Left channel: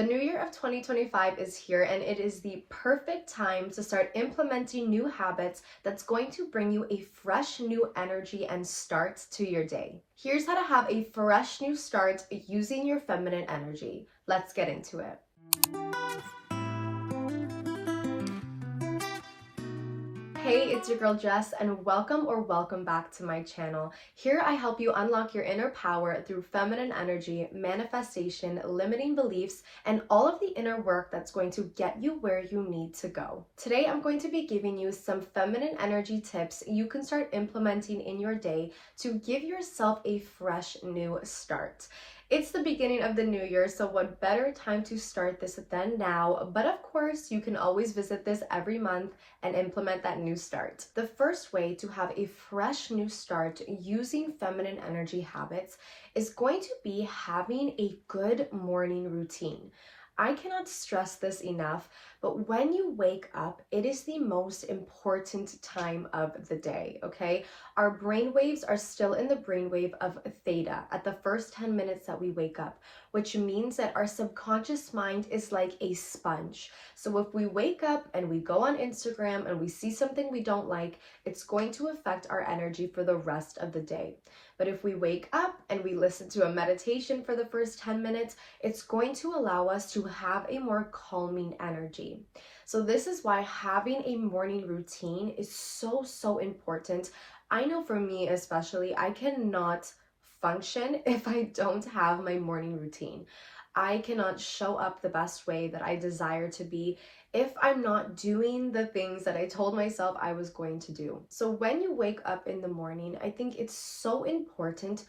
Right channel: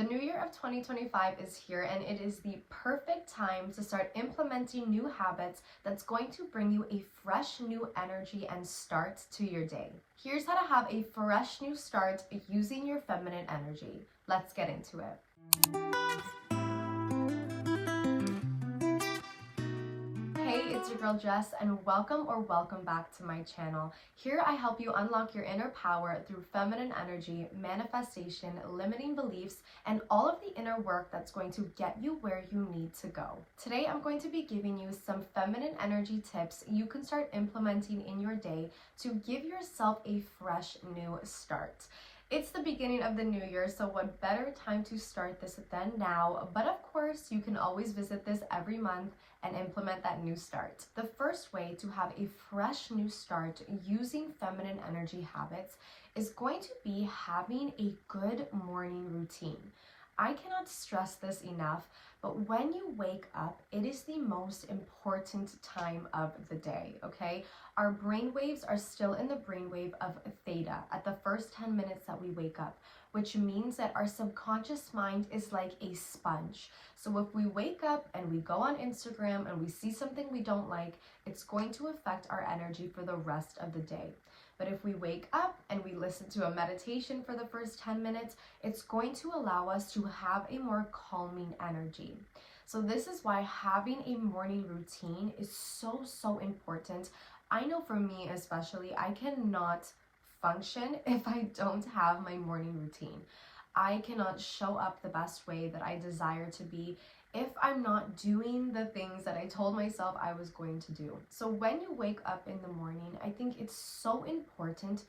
The new year of 2025 is here, and it is the perfect time to start implementing new habits that's going to bring you a fresh new energy and start to your day. Here's how to have a fresh new start using your feminine energy. Let's get into it. Hey, it's your girl Jess, and welcome back to my channel. Here I help you unlock your inner power through feminine energy, manifestation, limiting beliefs, and all of the inner work that's going to get you where you need to go. Today I'm going to be giving you some feminine energy tips you can start implementing in your day to give yourself a fresh new start. It's the beginning of the new year, so what better time to start this than now? But of course, you can always visit this every month and implement that new start. The first way to have a fresh new start using feminine energy habits is going to be having a good morning routine. I cannot stress this enough, but when you wake up, it is the most important time of the day, okay? Our brain waves are still in the brainwave of theta at the first 10 minutes that we wake up, which means that our subconscious mind is like a sponge. So if we wake up and we go on Instagram and we see something we don't like, it's going to affect our energy for the rest of the day. But if we wake up and we listen to a meditation for the first 10 minutes, it's going to allow us to have a more calming energy. So this is why having a morning routine is so important. I know for me especially, I cannot function if I don't have my morning routine. I cannot show up the best way that I desire to be if I'm not doing the things that I told myself I was going to do. So when you wake up in the morning, I think it's so important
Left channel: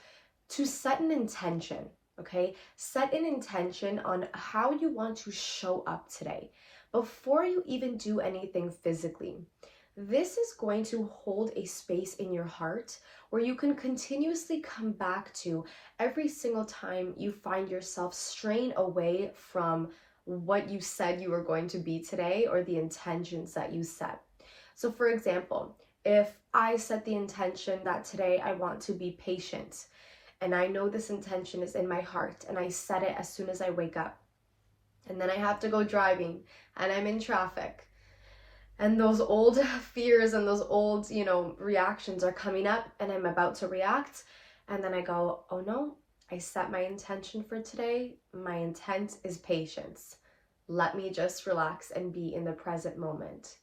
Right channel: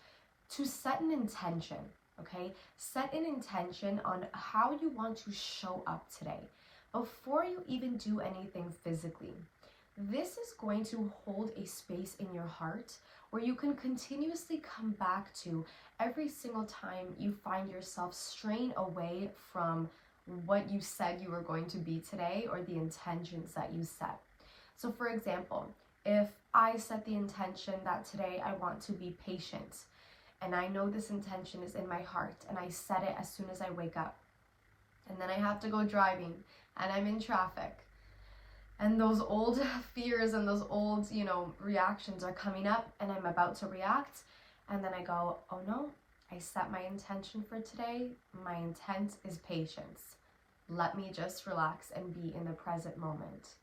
to set an intention, okay? Set an intention on how you want to show up today before you even do anything physically. This is going to hold a space in your heart where you can continuously come back to every single time you find yourself straying away from what you said you were going to be today or the intentions that you set. So for example, if I set the intention that today I want to be patient, and I know this intention is in my heart, and I set it as soon as I wake up, and then I have to go driving and I'm in traffic, and those old fears and those old, reactions are coming up, and I'm about to react, and then I go, oh no, I set my intention for today. My intent is patience. Let me just relax and be in the present moment.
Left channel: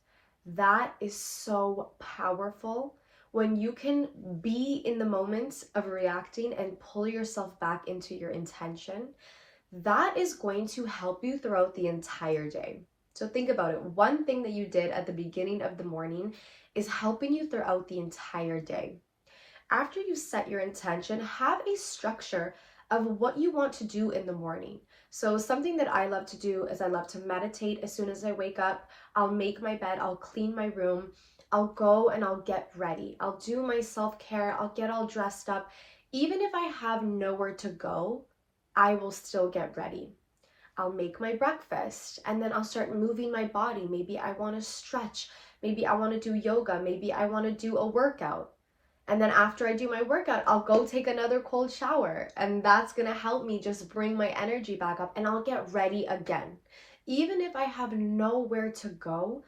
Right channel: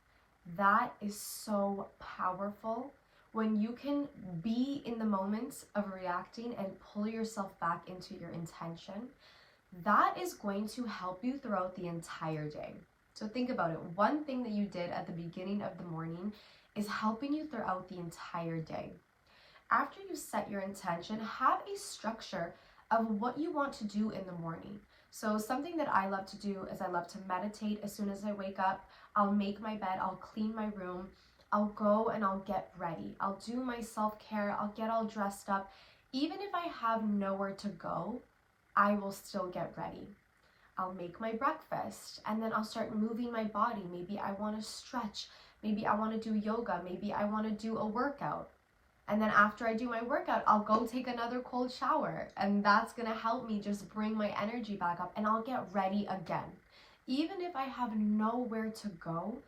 That is so powerful when you can be in the moment of reacting and pull yourself back into your intention. That is going to help you throughout the entire day. So think about it. One thing that you did at the beginning of the morning is helping you throughout the entire day. After you set your intention, have a structure of what you want to do in the morning. So something that I love to do is I love to meditate as soon as I wake up. I'll make my bed, I'll clean my room, I'll go and I'll get ready. I'll do my self-care, I'll get all dressed up. Even if I have nowhere to go, I will still get ready. I'll make my breakfast and then I'll start moving my body. Maybe I want to stretch, maybe I want to do yoga, maybe I want to do a workout. And then after I do my workout, I'll go take another cold shower, and that's gonna help me just bring my energy back up, and I'll get ready again. Even if I have nowhere to go,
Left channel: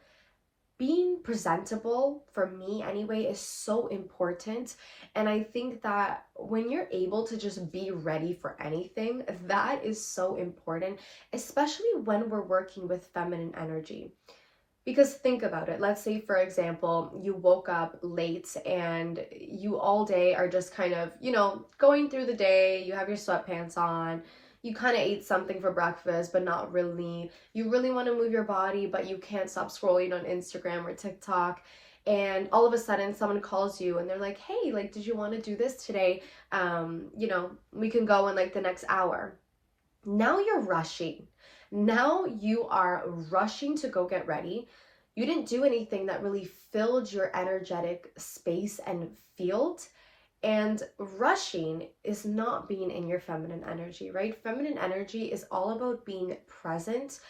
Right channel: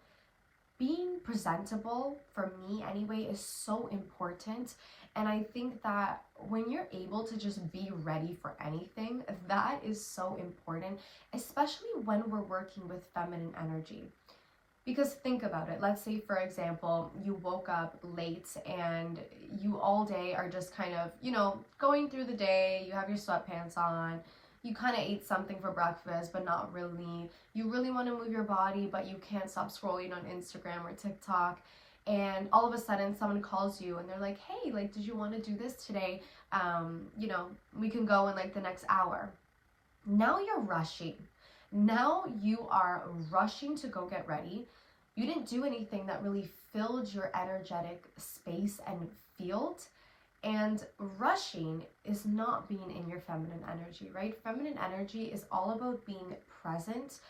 being presentable, for me anyway, is so important. And I think that when you're able to just be ready for anything, that is so important, especially when we're working with feminine energy. Because think about it. Let's say, for example, you woke up late and you all day are just kind of, going through the day. You have your sweatpants on. You kind of ate something for breakfast, but not really. You really want to move your body, but you can't stop scrolling on Instagram or TikTok. And all of a sudden someone calls you and they're like, hey, did you want to do this today? We can go in the next hour. Now you're rushing. Now you are rushing to go get ready. You didn't do anything that really filled your energetic space and field. And rushing is not being in your feminine energy, right? Feminine energy is all about being present.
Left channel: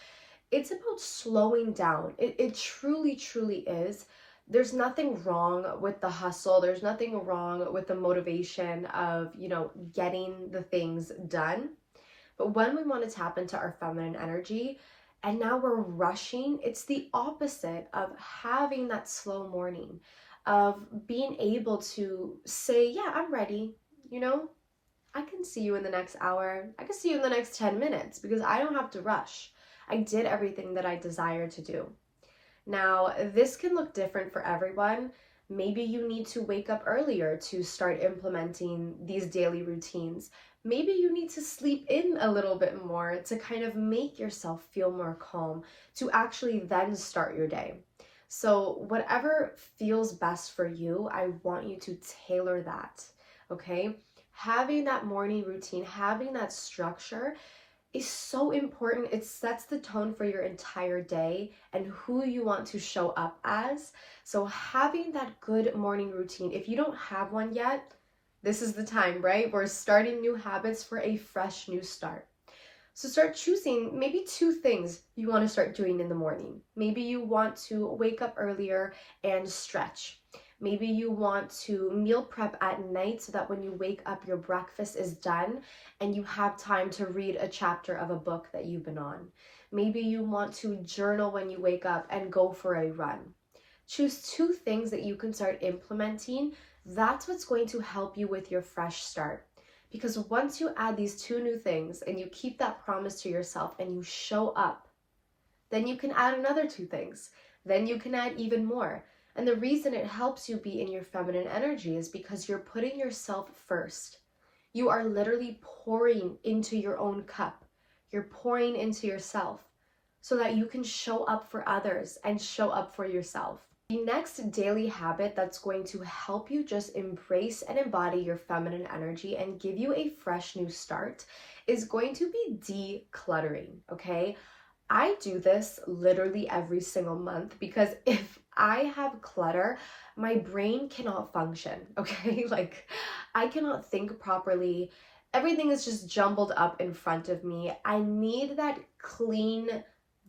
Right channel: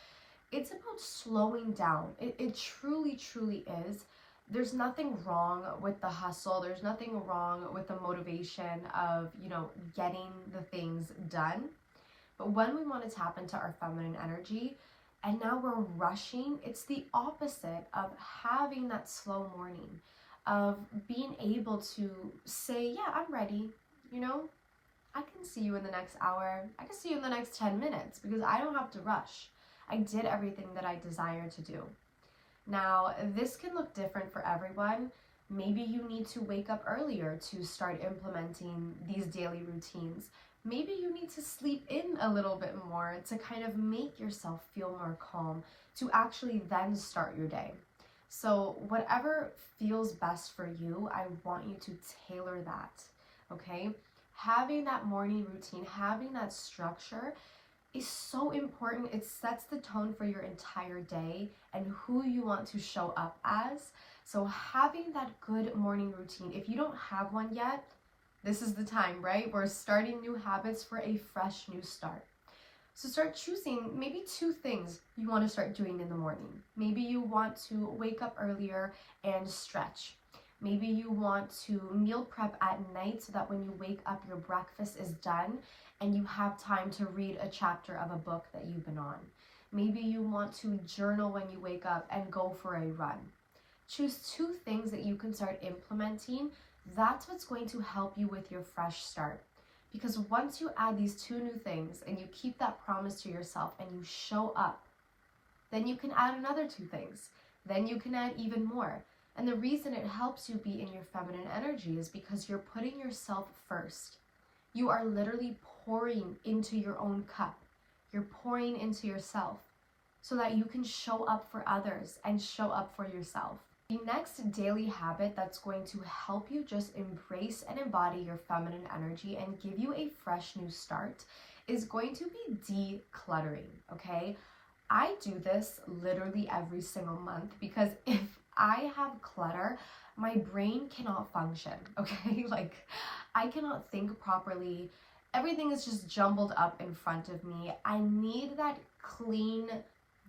It's about slowing down. It truly is. There's nothing wrong with the hustle. There's nothing wrong with the motivation of, getting the things done. But when we want to tap into our feminine energy and now we're rushing, it's the opposite of having that slow morning, of being able to say, yeah, I'm ready, I can see you in the next hour. I can see you in the next 10 minutes because I don't have to rush. I did everything that I desired to do. Now, this can look different for everyone. Maybe you need to wake up earlier to start implementing these daily routines. Maybe you need to sleep in a little bit more to kind of make yourself feel more calm, to actually then start your day. So whatever feels best for you, I want you to tailor that, okay? Having that morning routine, having that structure is so important. It sets the tone for your entire day and who you want to show up as. So having that good morning routine, if you don't have one yet, this is the time, right? We're starting new habits for a fresh new start. So start choosing maybe 2 things you want to start doing in the morning. Maybe you want to wake up earlier and stretch. Maybe you want to meal prep at night so that when you wake up, your breakfast is done and you have time to read a chapter of a book that you've been on. Maybe you want to journal when you wake up and go for a run. Choose 2 things that you can start implementing. That's what's going to help you with your fresh start. Because once you add these 2 new things and you keep that promise to yourself and you show up, then you can add another 2 things. Then you can add even more. And the reason it helps you be in your feminine energy is because you're putting yourself first. You are literally pouring into your own cup. You're pouring into yourself so that you can show up for others and show up for yourself. The next daily habit that's going to help you just embrace and embody your feminine energy and give you a fresh new start is going to be decluttering, okay? I do this literally every single month because if I have clutter, my brain cannot function, okay? Like, I cannot think properly. Everything is just jumbled up in front of me. I need that clean,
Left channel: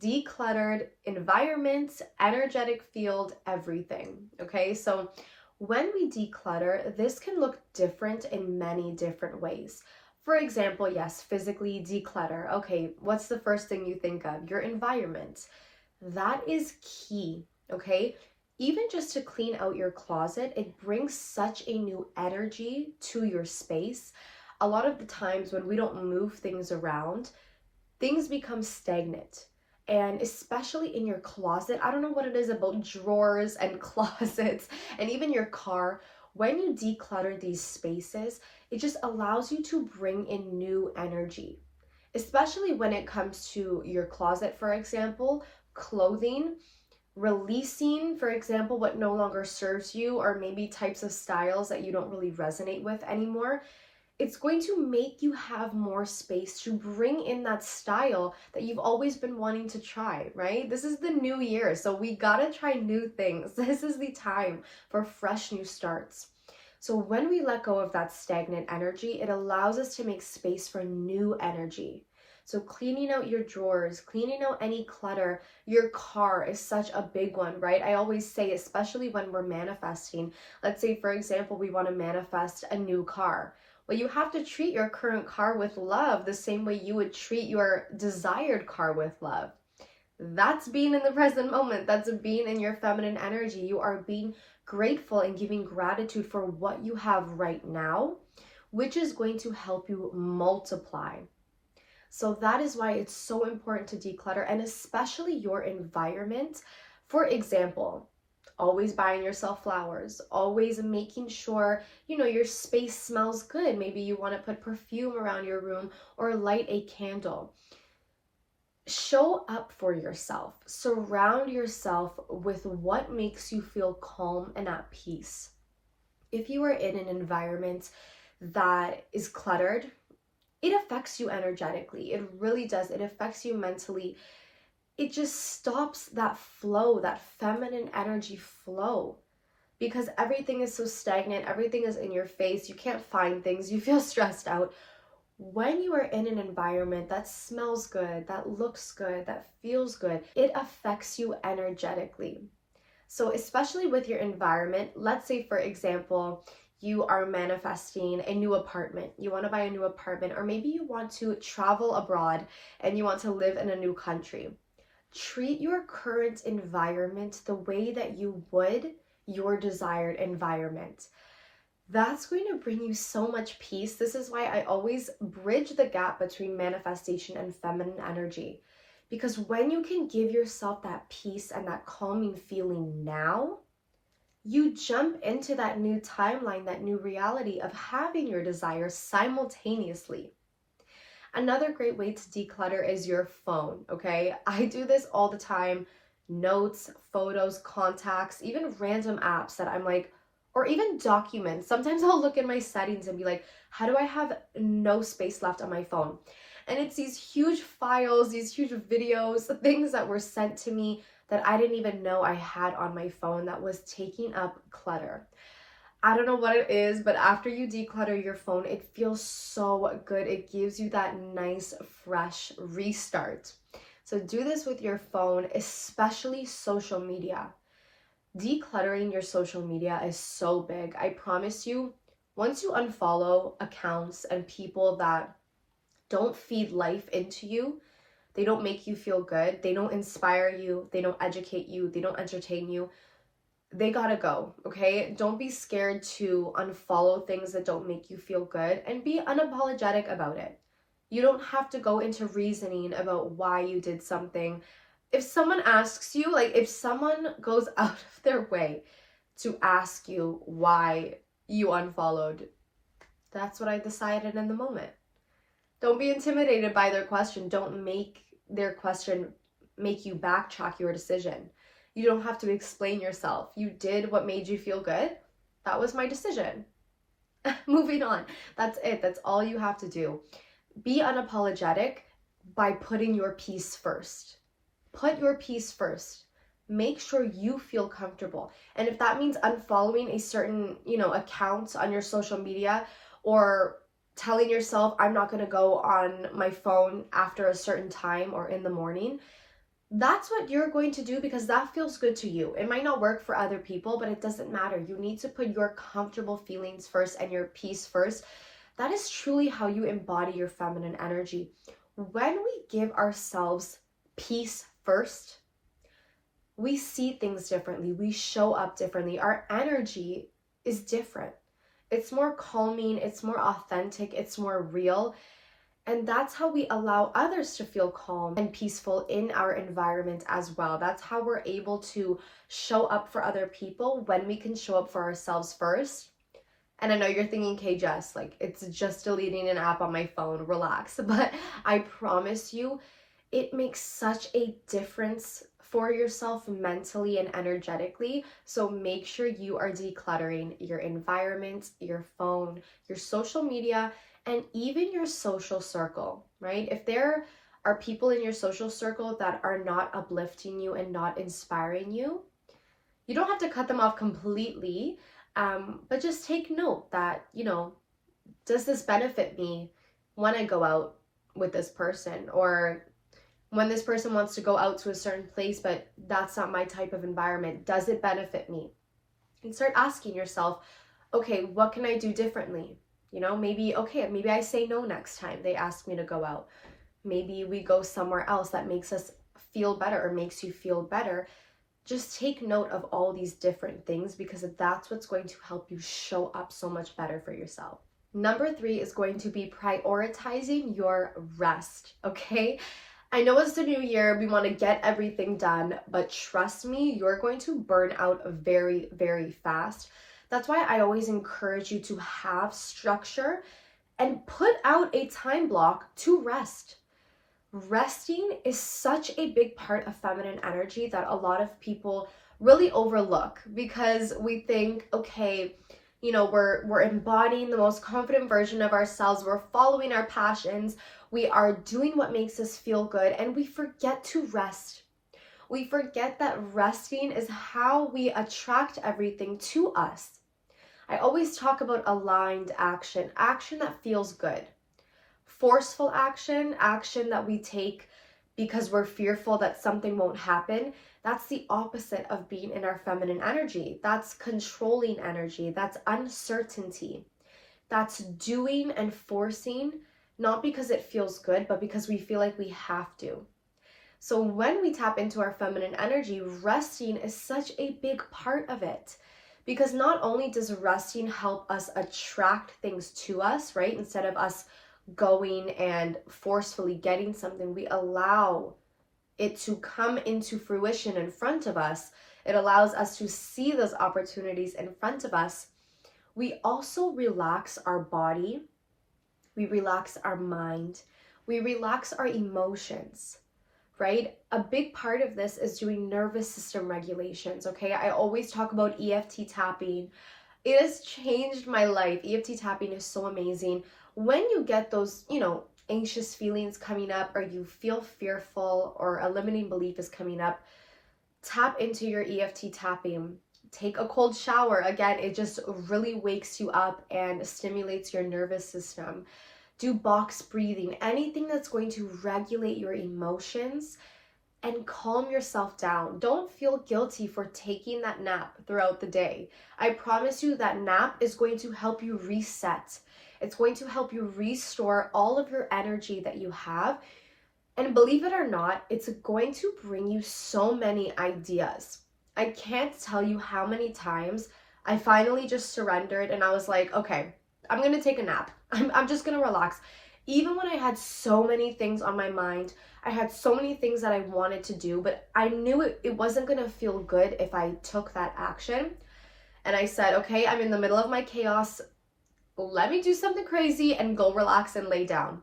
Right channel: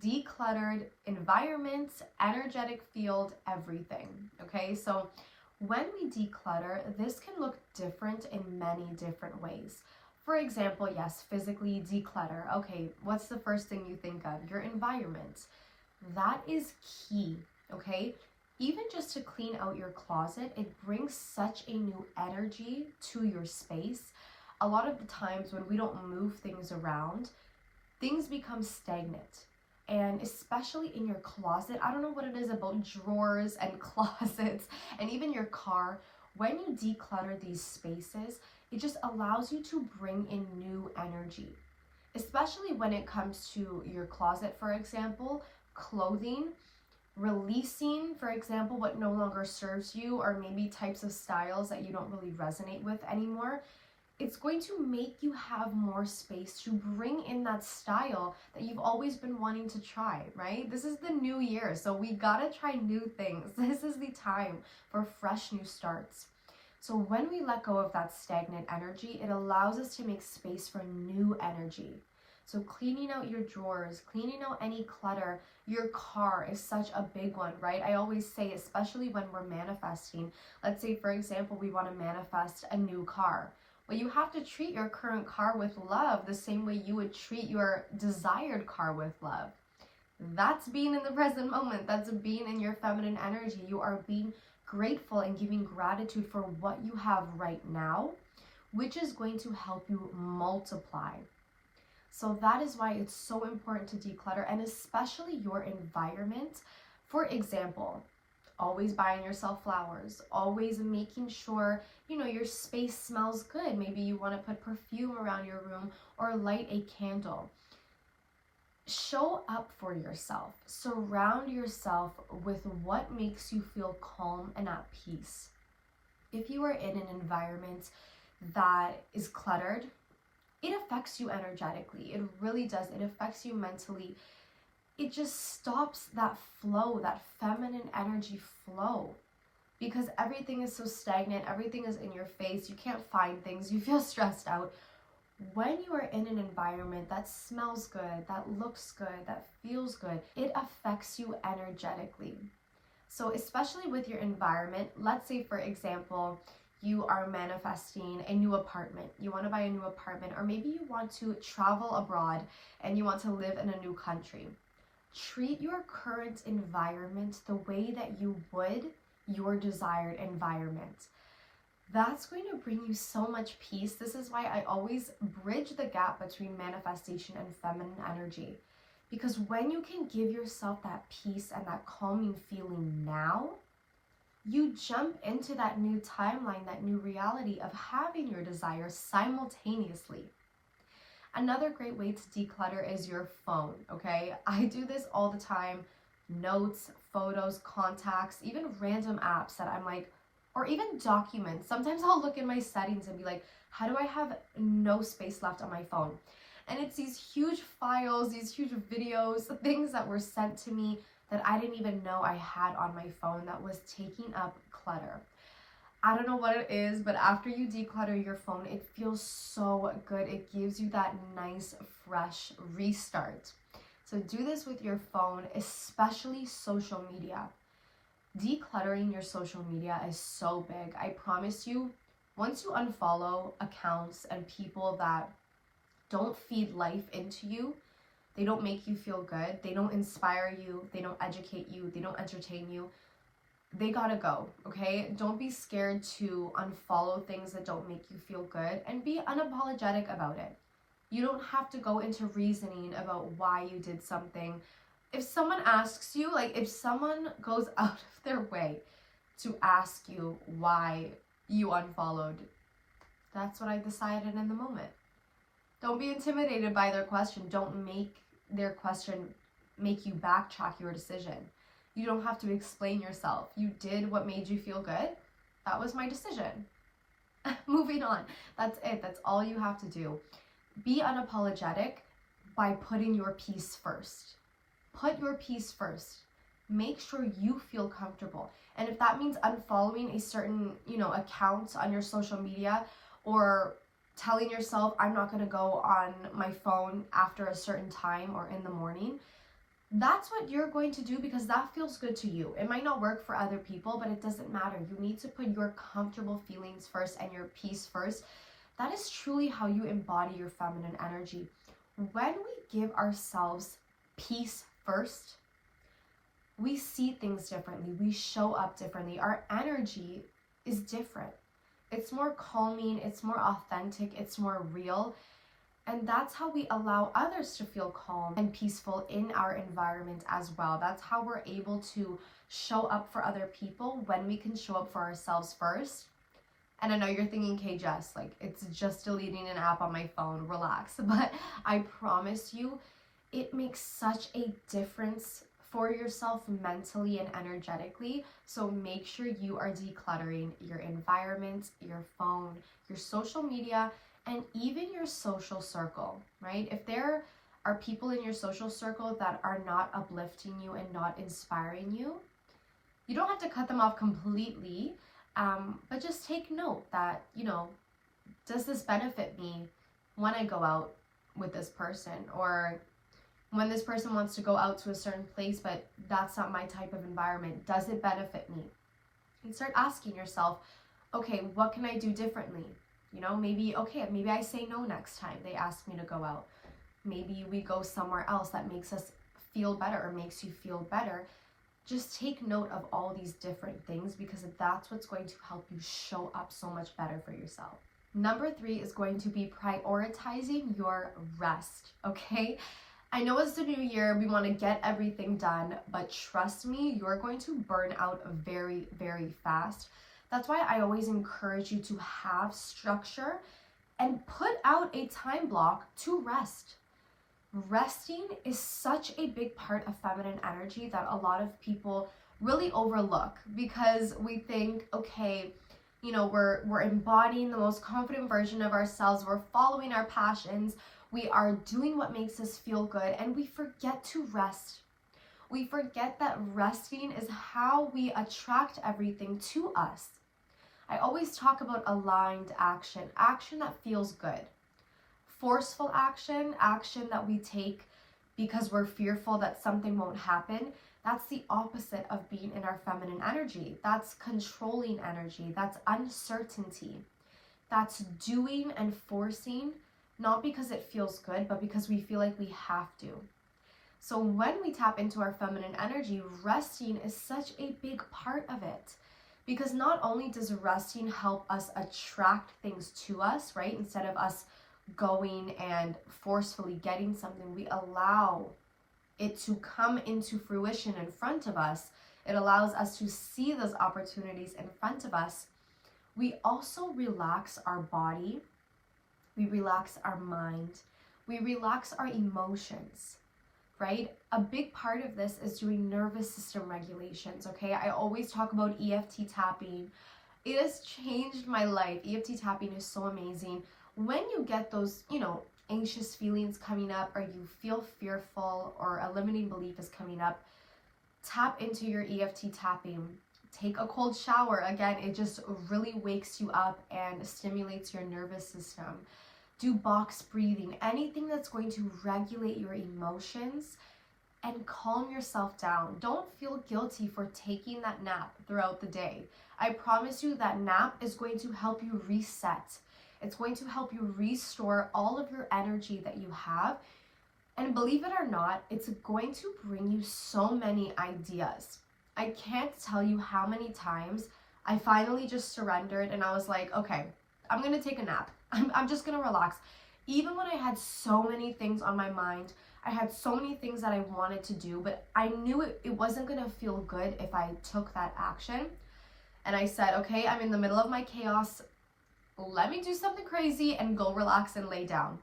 decluttered environment, energetic field, everything, okay? So when we declutter, this can look different in many different ways. For example, yes, physically declutter. Okay, what's the first thing you think of? Your environment. That is key, okay? Even just to clean out your closet, it brings such a new energy to your space. A lot of the times when we don't move things around, things become stagnant. And especially in your closet, I don't know what it is about drawers and closets and even your car. When you declutter these spaces, it just allows you to bring in new energy, especially when it comes to your closet, for example, clothing, releasing, for example, what no longer serves you or maybe types of styles that you don't really resonate with anymore. It's going to make you have more space to bring in that style that you've always been wanting to try, right? This is the new year, so we gotta try new things. This is the time for fresh new starts. So when we let go of that stagnant energy, it allows us to make space for new energy. So cleaning out your drawers, cleaning out any clutter, your car is such a big one, right? I always say, especially when we're manifesting, let's say, for example, we want to manifest a new car. Well, you have to treat your current car with love the same way you would treat your desired car with love. That's being in the present moment. That's being in your feminine energy. You are being grateful and giving gratitude for what you have right now, which is going to help you multiply. So that is why it's so important to declutter, and especially your environment. For example, always buying yourself flowers, always making sure, your space smells good. Maybe you want to put perfume around your room or light a candle. Show up for yourself. Surround yourself with what makes you feel calm and at peace. If you are in an environment that is cluttered, it affects you energetically. It really does. It affects you mentally. It just stops that flow, that feminine energy flow, because everything is so stagnant. Everything is in your face. You can't find things. You feel stressed out. When you are in an environment that smells good, that looks good, that feels good, it affects you energetically. So especially with your environment, let's say, for example, you are manifesting a new apartment. You want to buy a new apartment, or maybe you want to travel abroad and you want to live in a new country. Treat your current environment the way that you would your desired environment. That's going to bring you so much peace. This is why I always bridge the gap between manifestation and feminine energy. Because when you can give yourself that peace and that calming feeling now, you jump into that new timeline, that new reality of having your desires simultaneously. Another great way to declutter is your phone, okay? I do this all the time. Notes, photos, contacts, even random apps that I'm like, or even documents. Sometimes I'll look in my settings and be like, how do I have no space left on my phone? And it's these huge files, these huge videos, things that were sent to me that I didn't even know I had on my phone that was taking up clutter. I don't know what it is, but after you declutter your phone, it feels so good. It gives you that nice, fresh restart. So do this with your phone, especially social media. Decluttering your social media is so big. I promise you, once you unfollow accounts and people that don't feed life into you, they don't make you feel good, they don't inspire you, they don't educate you, they don't entertain you, they gotta go, okay? Don't be scared to unfollow things that don't make you feel good, and be unapologetic about it. You don't have to go into reasoning about why you did something. If someone asks you, like if someone goes out of their way to ask you why you unfollowed, that's what I decided in the moment. Don't be intimidated by their question. Don't make their question make you backtrack your decision. You don't have to explain yourself. You did what made you feel good. That was my decision. Moving on. That's it. That's all you have to do. Be unapologetic by putting your peace first. Put your peace first. Make sure you feel comfortable. And if that means unfollowing a certain, account on your social media, or telling yourself, I'm not going to go on my phone after a certain time or in the morning, that's what you're going to do because that feels good to you. It might not work for other people, but it doesn't matter. You need to put your comfortable feelings first and your peace first. That is truly how you embody your feminine energy. When we give ourselves peace first, we see things differently. We show up differently. Our energy is different. It's more calming, it's more authentic, it's more real. And that's how we allow others to feel calm and peaceful in our environment as well. That's how we're able to show up for other people when we can show up for ourselves first. And I know you're thinking, okay, Jess, like it's just deleting an app on my phone, relax. But I promise you, it makes such a difference for yourself mentally and energetically. So make sure you are decluttering your environment, your phone, your social media, and even your social circle, right? If there are people in your social circle that are not uplifting you and not inspiring you, you don't have to cut them off completely, but just take note that, does this benefit me when I go out with this person, or when this person wants to go out to a certain place, but that's not my type of environment? Does it benefit me? And start asking yourself, okay, what can I do differently? Maybe I say no next time they ask me to go out. Maybe we go somewhere else that makes us feel better or makes you feel better. Just take note of all these different things, because that's what's going to help you show up so much better for yourself. Number 3 is going to be prioritizing your rest, okay? I know it's the new year, we want to get everything done, but trust me, you're going to burn out very, very fast. That's why I always encourage you to have structure and put out a time block to rest. Resting is such a big part of feminine energy that a lot of people really overlook, because we think, okay, we're embodying the most confident version of ourselves, we're following our passions, we are doing what makes us feel good, and we forget to rest. We forget that resting is how we attract everything to us. I always talk about aligned action, action that feels good. Forceful action, action that we take because we're fearful that something won't happen. That's the opposite of being in our feminine energy. That's controlling energy. That's uncertainty. That's doing and forcing, not because it feels good, but because we feel like we have to. So when we tap into our feminine energy, resting is such a big part of it. Because not only does resting help us attract things to us, right? Instead of us going and forcefully getting something, we allow it to come into fruition in front of us. It allows us to see those opportunities in front of us. We also relax our body. We relax our mind. We relax our emotions, right? A big part of this is doing nervous system regulations, okay? I always talk about EFT tapping. It has changed my life. EFT tapping is so amazing. When you get those, anxious feelings coming up, or you feel fearful, or a limiting belief is coming up, tap into your EFT tapping. Take a cold shower. Again, it just really wakes you up and stimulates your nervous system. Do box breathing, anything that's going to regulate your emotions and calm yourself down. Don't feel guilty for taking that nap throughout the day. I promise you that nap is going to help you reset. It's going to help you restore all of your energy that you have. And believe it or not, it's going to bring you so many ideas. I can't tell you how many times I finally just surrendered and I was like, okay, I'm going to take a nap. I'm just going to relax. Even when I had so many things on my mind, I had so many things that I wanted to do, but I knew it wasn't going to feel good if I took that action. And I said, okay, I'm in the middle of my chaos. Let me do something crazy and go relax and lay down.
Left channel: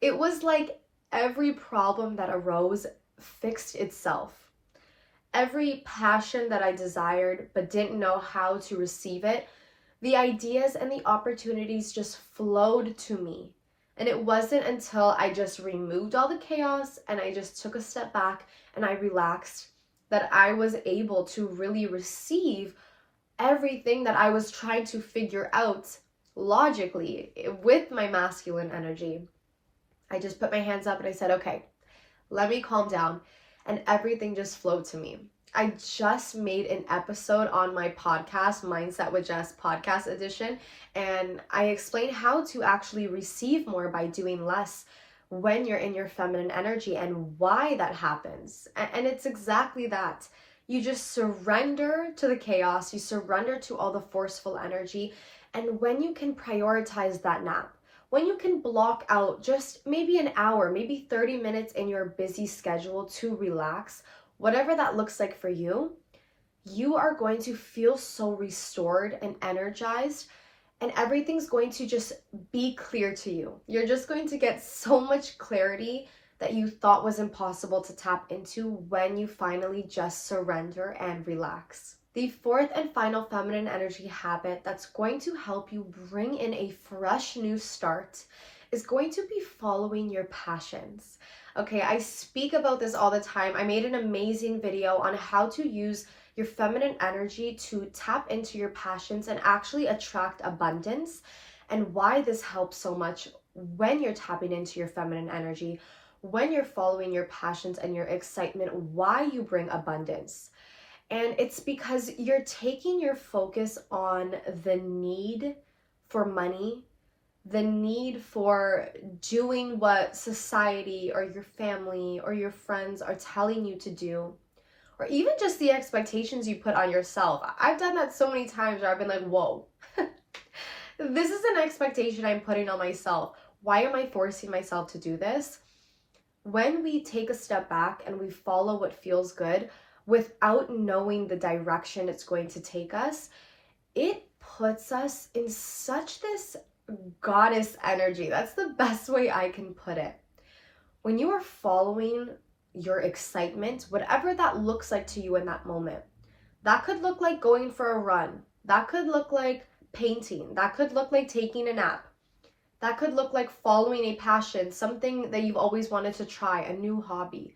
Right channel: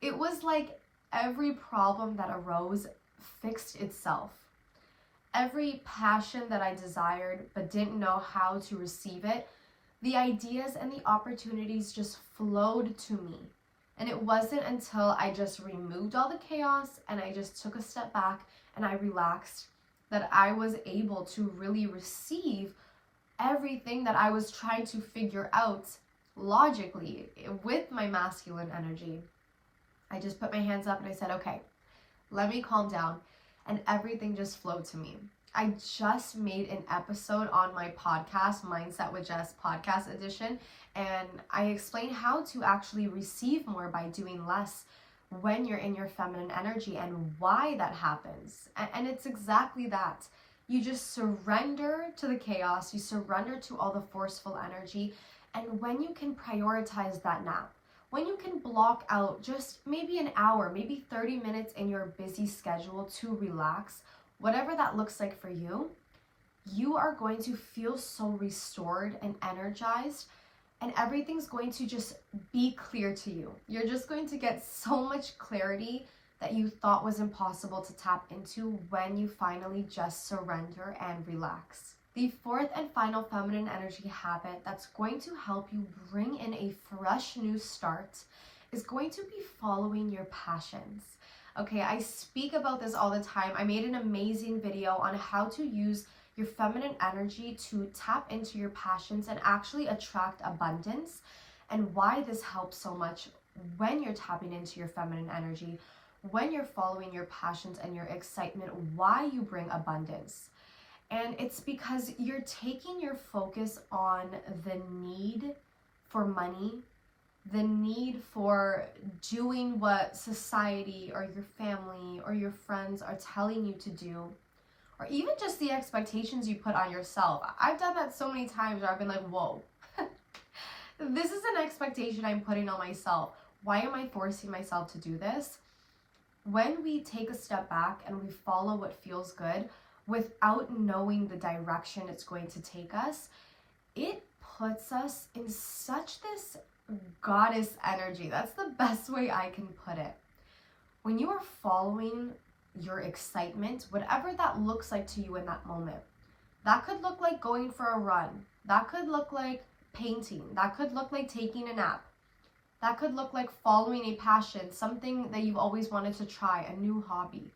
It was like every problem that arose fixed itself. Every passion that I desired but didn't know how to receive it, the ideas and the opportunities just flowed to me. And it wasn't until I just removed all the chaos and I just took a step back and I relaxed that I was able to really receive everything that I was trying to figure out logically with my masculine energy. I just put my hands up and I said, okay, let me calm down. And everything just flowed to me. I just made an episode on my podcast, Mindset with Jess podcast edition, and I explained how to actually receive more by doing less when you're in your feminine energy and why that happens. And it's exactly that. You just surrender to the chaos, you surrender to all the forceful energy, and when you can prioritize that nap, when you can block out just maybe an hour, maybe 30 minutes in your busy schedule to relax, whatever that looks like for you, you are going to feel so restored and energized, and everything's going to just be clear to you. You're just going to get so much clarity that you thought was impossible to tap into when you finally just surrender and relax. The fourth and final feminine energy habit that's going to help you bring in a fresh new start is going to be following your passions. Okay, I speak about this all the time. I made an amazing video on how to use your feminine energy to tap into your passions and actually attract abundance, and why this helps so much when you're tapping into your feminine energy, when you're following your passions and your excitement, why you bring abundance. And it's because you're taking your focus on the need for money, the need for doing what society or your family or your friends are telling you to do, or even just the expectations you put on yourself. I've done that so many times where I've been like, whoa, this is an expectation I'm putting on myself. Why am I forcing myself to do this? When we take a step back and we follow what feels good without knowing the direction it's going to take us, it puts us in such this goddess energy. That's the best way I can put it. When you are following your excitement, whatever that looks like to you in that moment, that could look like going for a run. That could look like painting. That could look like taking a nap. That could look like following a passion, something that you've always wanted to try, a new hobby.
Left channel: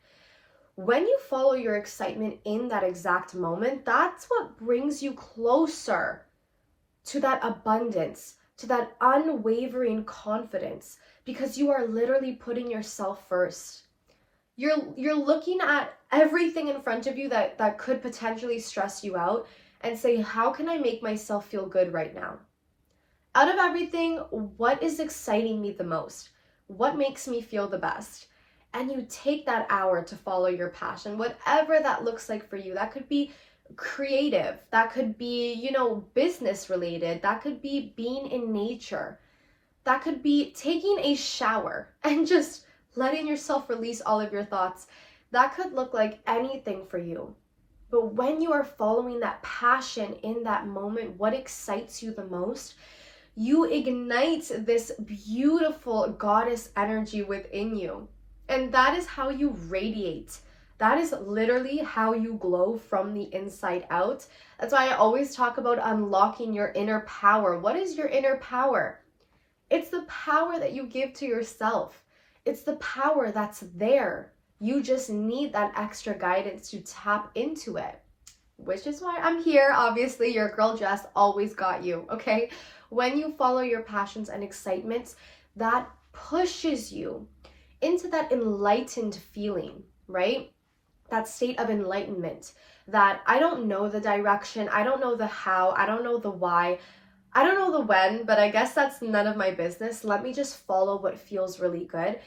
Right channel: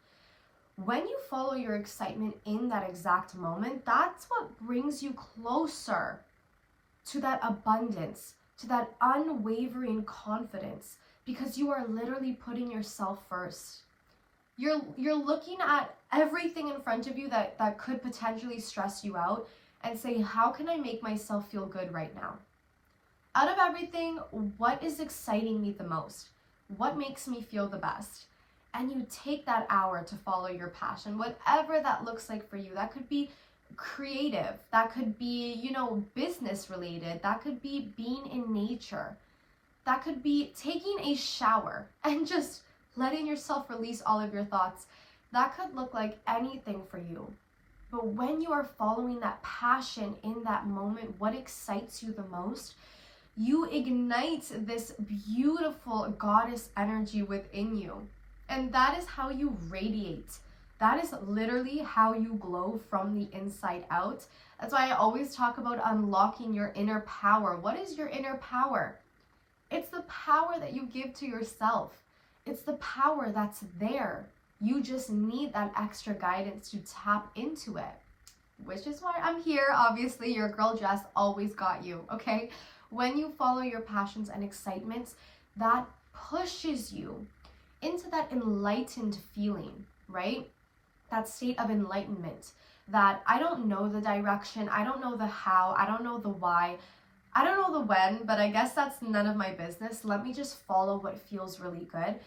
When you follow your excitement in that exact moment, that's what brings you closer to that abundance, to that unwavering confidence, because you are literally putting yourself first. You're looking at everything in front of you that could potentially stress you out and say, how can I make myself feel good right now? Out of everything, what is exciting me the most? What makes me feel the best? And you take that hour to follow your passion, whatever that looks like for you. That could be creative, that could be, business related, that could be being in nature, that could be taking a shower and just letting yourself release all of your thoughts. That could look like anything for you. But when you are following that passion in that moment, what excites you the most, you ignite this beautiful goddess energy within you. And that is how you radiate. That is literally how you glow from the inside out. That's why I always talk about unlocking your inner power. What is your inner power? It's the power that you give to yourself. It's the power that's there. You just need that extra guidance to tap into it, which is why I'm here. Obviously, your girl Jess always got you, okay? When you follow your passions and excitements, that pushes you into that enlightened feeling, right? That state of enlightenment, that I don't know the direction, I don't know the how, I don't know the why, I don't know the when, but I guess that's none of my business. Let me just follow what feels really good.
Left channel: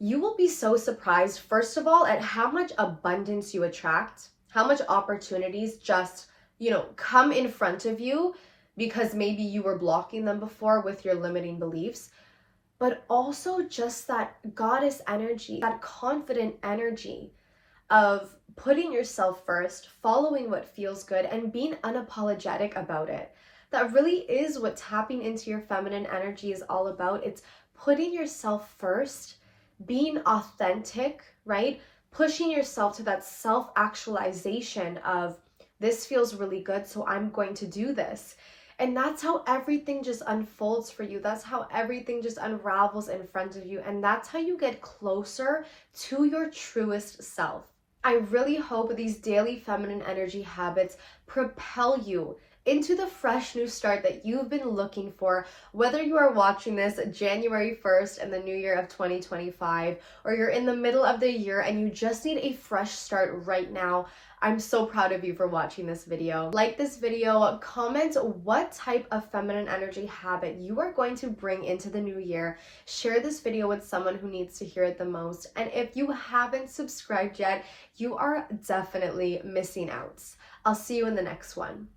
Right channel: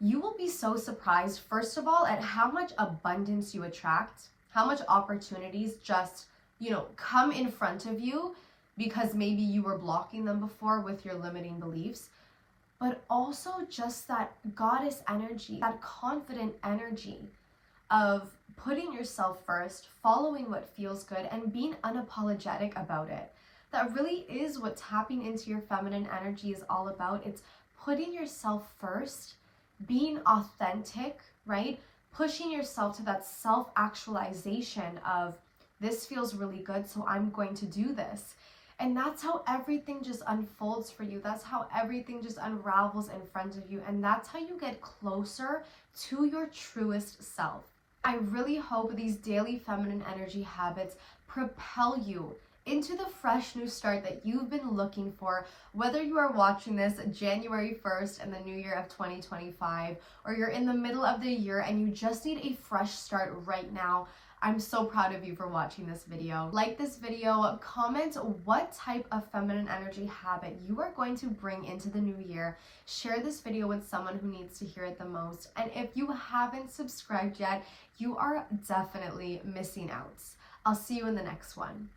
You will be so surprised, first of all, at how much abundance you attract, how much opportunities just, come in front of you because maybe you were blocking them before with your limiting beliefs. But also just that goddess energy, that confident energy of putting yourself first, following what feels good, and being unapologetic about it. That really is what tapping into your feminine energy is all about. It's putting yourself first, being authentic, right? Pushing yourself to that self-actualization of, this feels really good, so I'm going to do this. And that's how everything just unfolds for you. That's how everything just unravels in front of you. And that's how you get closer to your truest self. I really hope these daily feminine energy habits propel you into the fresh new start that you've been looking for, whether you are watching this January 1st in the new year of 2025, or you're in the middle of the year and you just need a fresh start right now. I'm so proud of you for watching this video. Like this video, comment what type of feminine energy habit you are going to bring into the new year. Share this video with someone who needs to hear it the most. And if you haven't subscribed yet, you are definitely missing out. I'll see you in the next one.